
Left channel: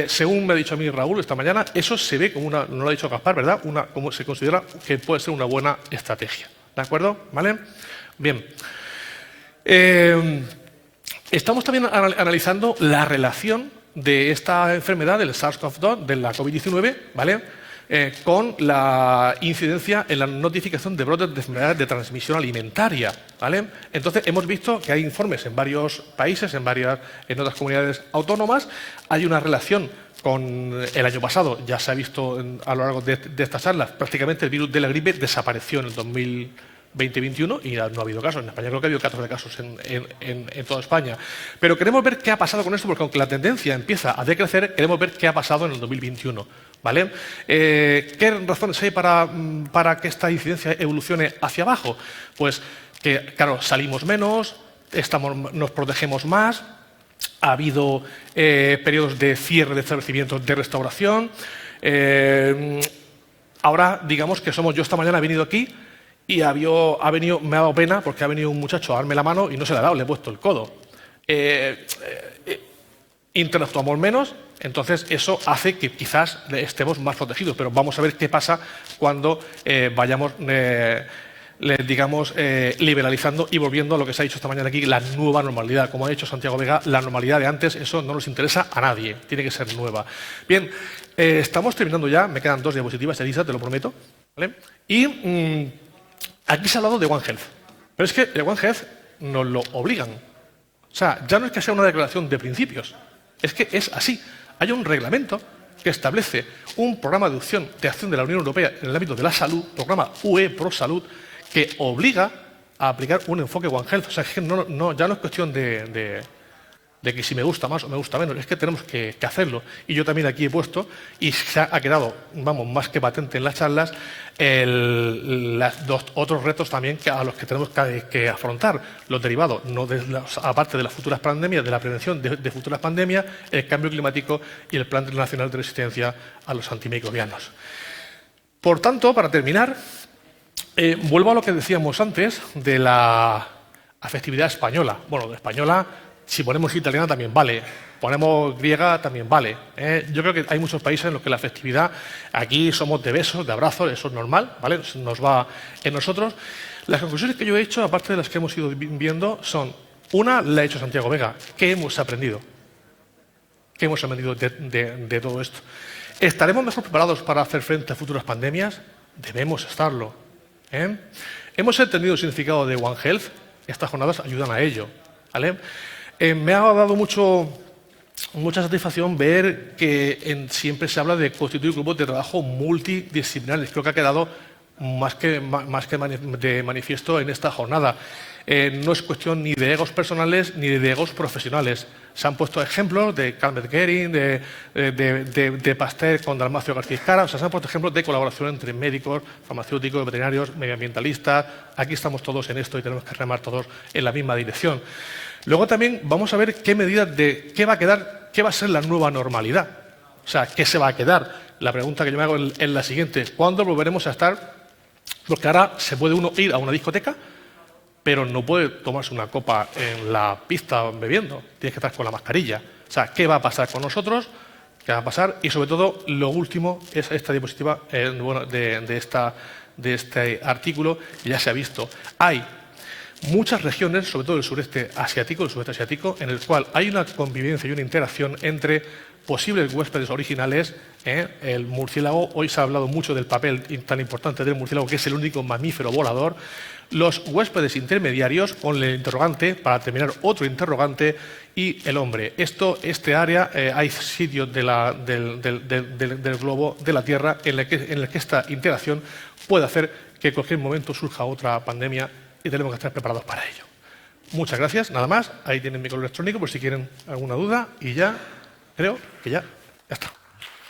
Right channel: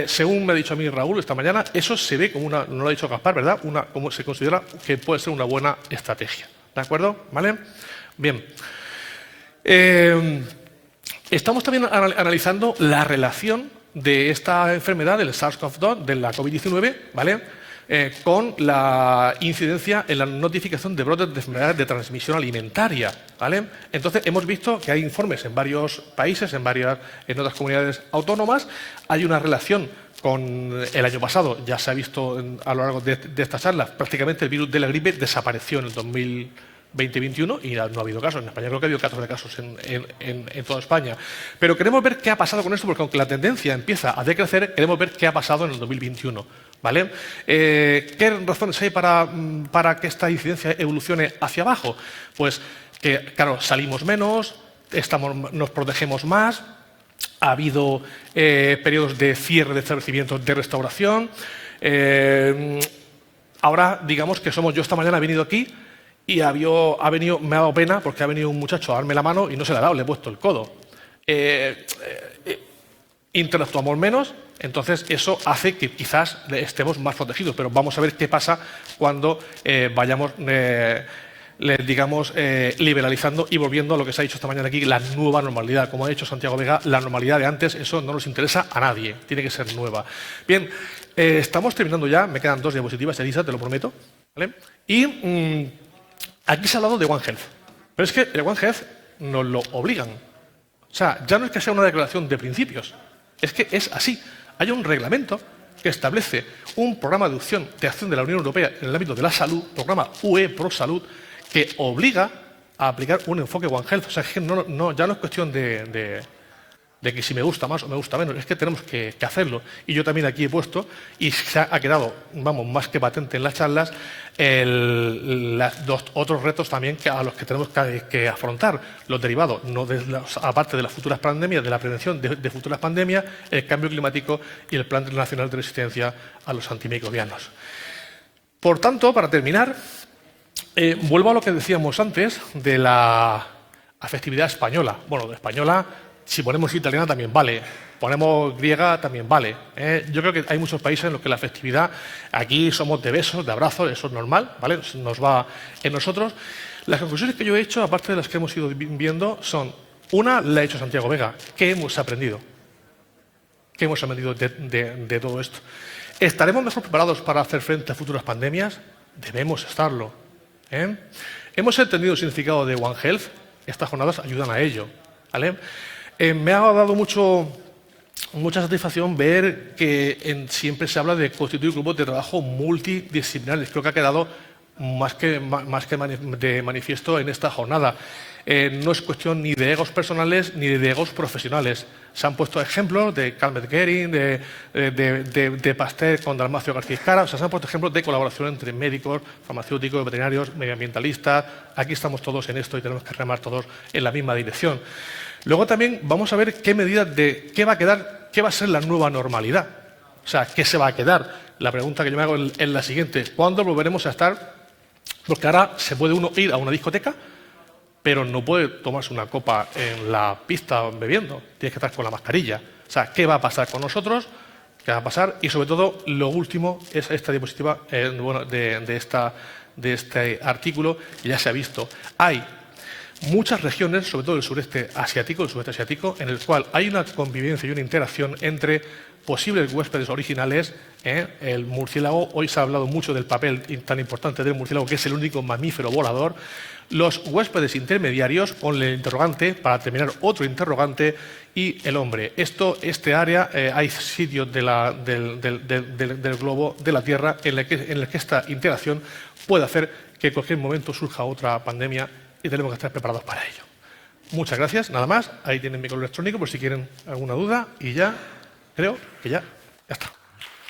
Según me ha dicho a mí Raúl esta mañana, eso se ve como no lo ha dicho Gaspar, ¿verdad? Como se considera que puede ser una buena estrategia. ¿De acuerdo? ¿Vale? Bien. Estamos también analizando la relación de esta enfermedad, del SARS-CoV-2, de la COVID-19, ¿vale? Con la incidencia en la notificación de brotes de enfermedades de transmisión alimentaria, ¿vale? Entonces, hemos visto que hay informes en varios países, en otras comunidades autónomas. Hay una relación con el año pasado, ya se ha visto a lo largo de estas charlas, prácticamente el virus de la gripe desapareció en el 2020-2021 y no ha habido casos. En España creo que ha habido 14 casos en toda España. Pero queremos ver qué ha pasado con esto, porque aunque la tendencia empieza a decrecer, queremos ver qué ha pasado en el 2021. ¿Vale? ¿Qué razones hay para que esta incidencia evolucione hacia abajo? Pues que, claro, salimos menos, nos protegemos más, ha habido periodos de cierre de establecimientos de restauración. Ahora, digamos que yo esta mañana he venido aquí y me ha dado pena porque ha venido un muchacho a darme la mano y no se le ha dado, le he puesto el codo. Interactuamos menos. Entonces, eso hace que quizás estemos más protegidos, pero vamos a ver qué pasa cuando vayamos, liberalizando y volviendo a lo que se ha dicho esta mañana aquí, la nueva normalidad. Como ha dicho Santiago Vega, la normalidad de antes, eso no nos interesa a nadie, tiene que ser nueva. Bien, estamos terminando ya, me quedan 2 diapositivas, Elisa, te lo prometo. ¿Vale? Y aquí se ha hablado de One Health, pero es que el One Health nos lo obligan. O sea, ya no es que sea una declaración de principios, es que es así. Hay un reglamento que establece un programa de acción de la Unión Europea en el ámbito de la salud, programa UE Pro Salud, que obliga a aplicar un enfoque One Health. O sea, es que ya no es cuestión de que si me gusta más o me gusta menos, es que tenemos que hacerlo. Y yo también aquí he puesto, y se ha quedado, más que patente en las charlas, los otros retos también a los que tenemos que afrontar, los derivados, aparte de las futuras pandemias, de la prevención de futuras pandemias, el cambio climático y el Plan Nacional de Resistencia a los Antimicrobianos. Por tanto, para terminar, vuelvo a lo que decíamos antes de la afectividad española. Bueno, de española, si ponemos italiana también vale, ponemos griega también vale. Yo creo que hay muchos países en los que la afectividad, aquí somos de besos, de abrazos, eso es normal, ¿vale? Nos va en nosotros. Las conclusiones que yo he hecho, aparte de las que hemos ido viendo, son, una, la ha hecho Santiago Vega. ¿Qué hemos aprendido? ¿Qué hemos aprendido de todo esto? ¿Estaremos mejor preparados para hacer frente a futuras pandemias? Debemos estarlo. ¿Hemos entendido el significado de One Health? Estas jornadas ayudan a ello, ¿vale? Me ha dado mucha satisfacción ver que siempre se habla de constituir grupos de trabajo multidisciplinares. Creo que ha quedado más que de manifiesto en esta jornada. No es cuestión ni de egos personales ni de egos profesionales. Se han puesto ejemplos de Carmen Gering, de Pasteur con Dalmacio García Cara. O sea, se han puesto ejemplos de colaboración entre médicos, farmacéuticos, veterinarios, medioambientalistas. Aquí estamos todos en esto y tenemos que remar todos en la misma dirección. Luego también vamos a ver qué medidas qué va a ser la nueva normalidad. O sea, ¿qué se va a quedar? La pregunta que yo me hago es la siguiente. ¿Cuándo volveremos a estar? Porque ahora se puede uno ir a una discoteca, pero no puede tomarse una copa en la pista bebiendo. Tienes que estar con la mascarilla. O sea, ¿qué va a pasar con nosotros? ¿Qué va a pasar? Y sobre todo, lo último es esta diapositiva de este artículo que ya se ha visto. Hay muchas regiones, sobre todo el sudeste asiático, en el cual hay una convivencia y una interacción entre posibles huéspedes originales. El murciélago, hoy se ha hablado mucho del papel tan importante del murciélago, que es el único mamífero volador. Los huéspedes intermediarios, con el interrogante, para terminar otro interrogante, y el hombre. Este área, hay sitios del globo de la Tierra en el que esta interacción puede hacer que en cualquier momento surja otra pandemia y tenemos que estar preparados para ello. Muchas gracias, nada más. Ahí tienen mi correo electrónico por si quieren alguna duda y ya, creo que ya está.